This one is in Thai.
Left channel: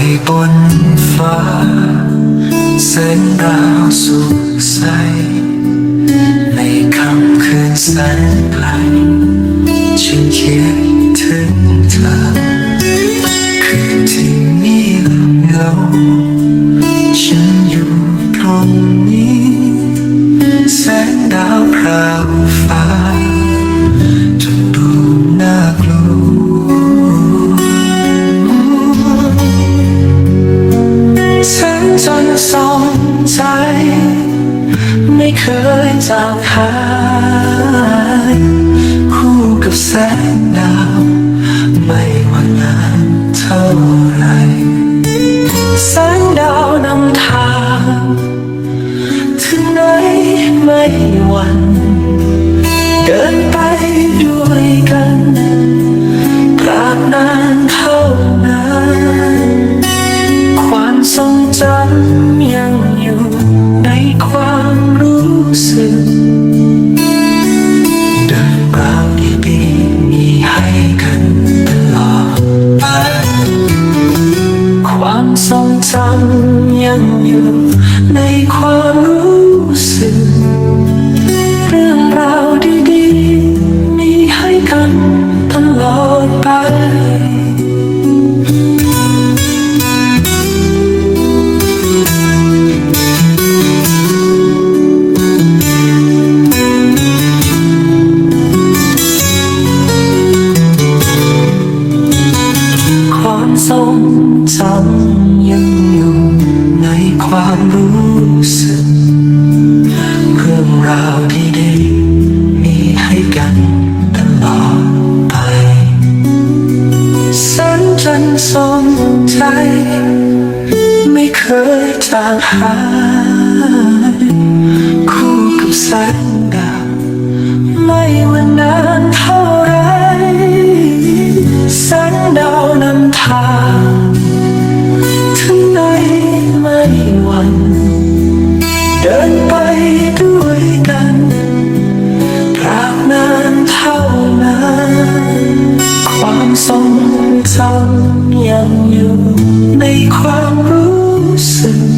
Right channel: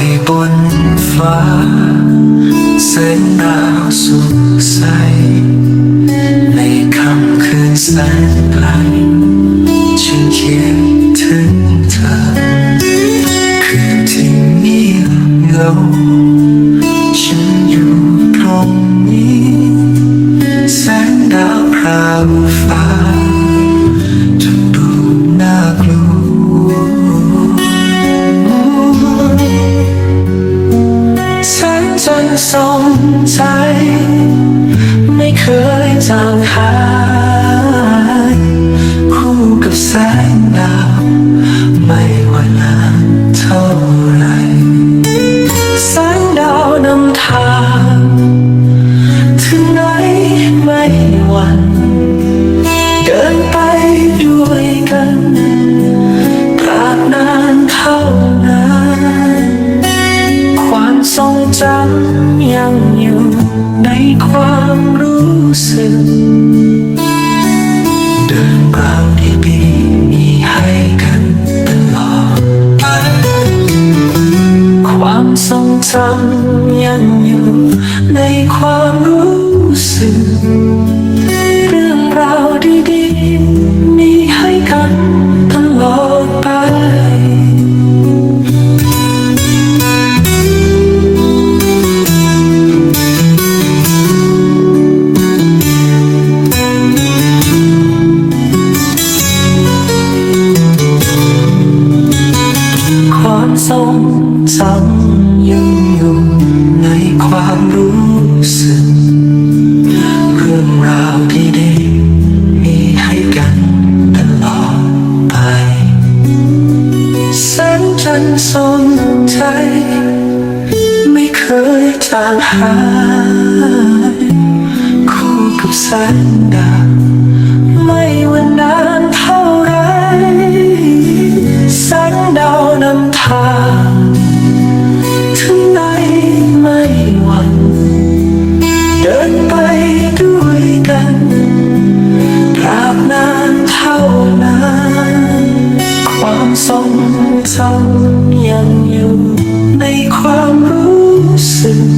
นฟ้าแสงดาวสุกใส ในค่ำคืนแสนไกลฉันคิดถึงเธอ คืนที่มีเงาฉันอยู่ตรงนี้ แสงดาวพราวฟ้า ใจ ไม่เคยจางหาย คู่กับแสงดาวไม่ว่านานเท่าไรแสงดาวนำทาง ถึงไหนไม่หวั่นเดินไปด้วยกันตราบนานเท่านานความทรงจำยัง ราวดีๆมีให้กันตลอดไป ความทรงจำยังอยู่ในความรู้สึก เรื่องราวดีๆมีให้กันตลอดไป จำยังอยู่ในความรู้สึก เรื่องราวดีๆมีให้กันตลอดไปแสงจันทร์ส่องใจ ไม่เคยจางหายคู่กับแสงดาวไม่ ไม่หวั่นเดินไปด้วยกันตราบนานเท่านานความทรงจำยังอยู่ในความรู้สึก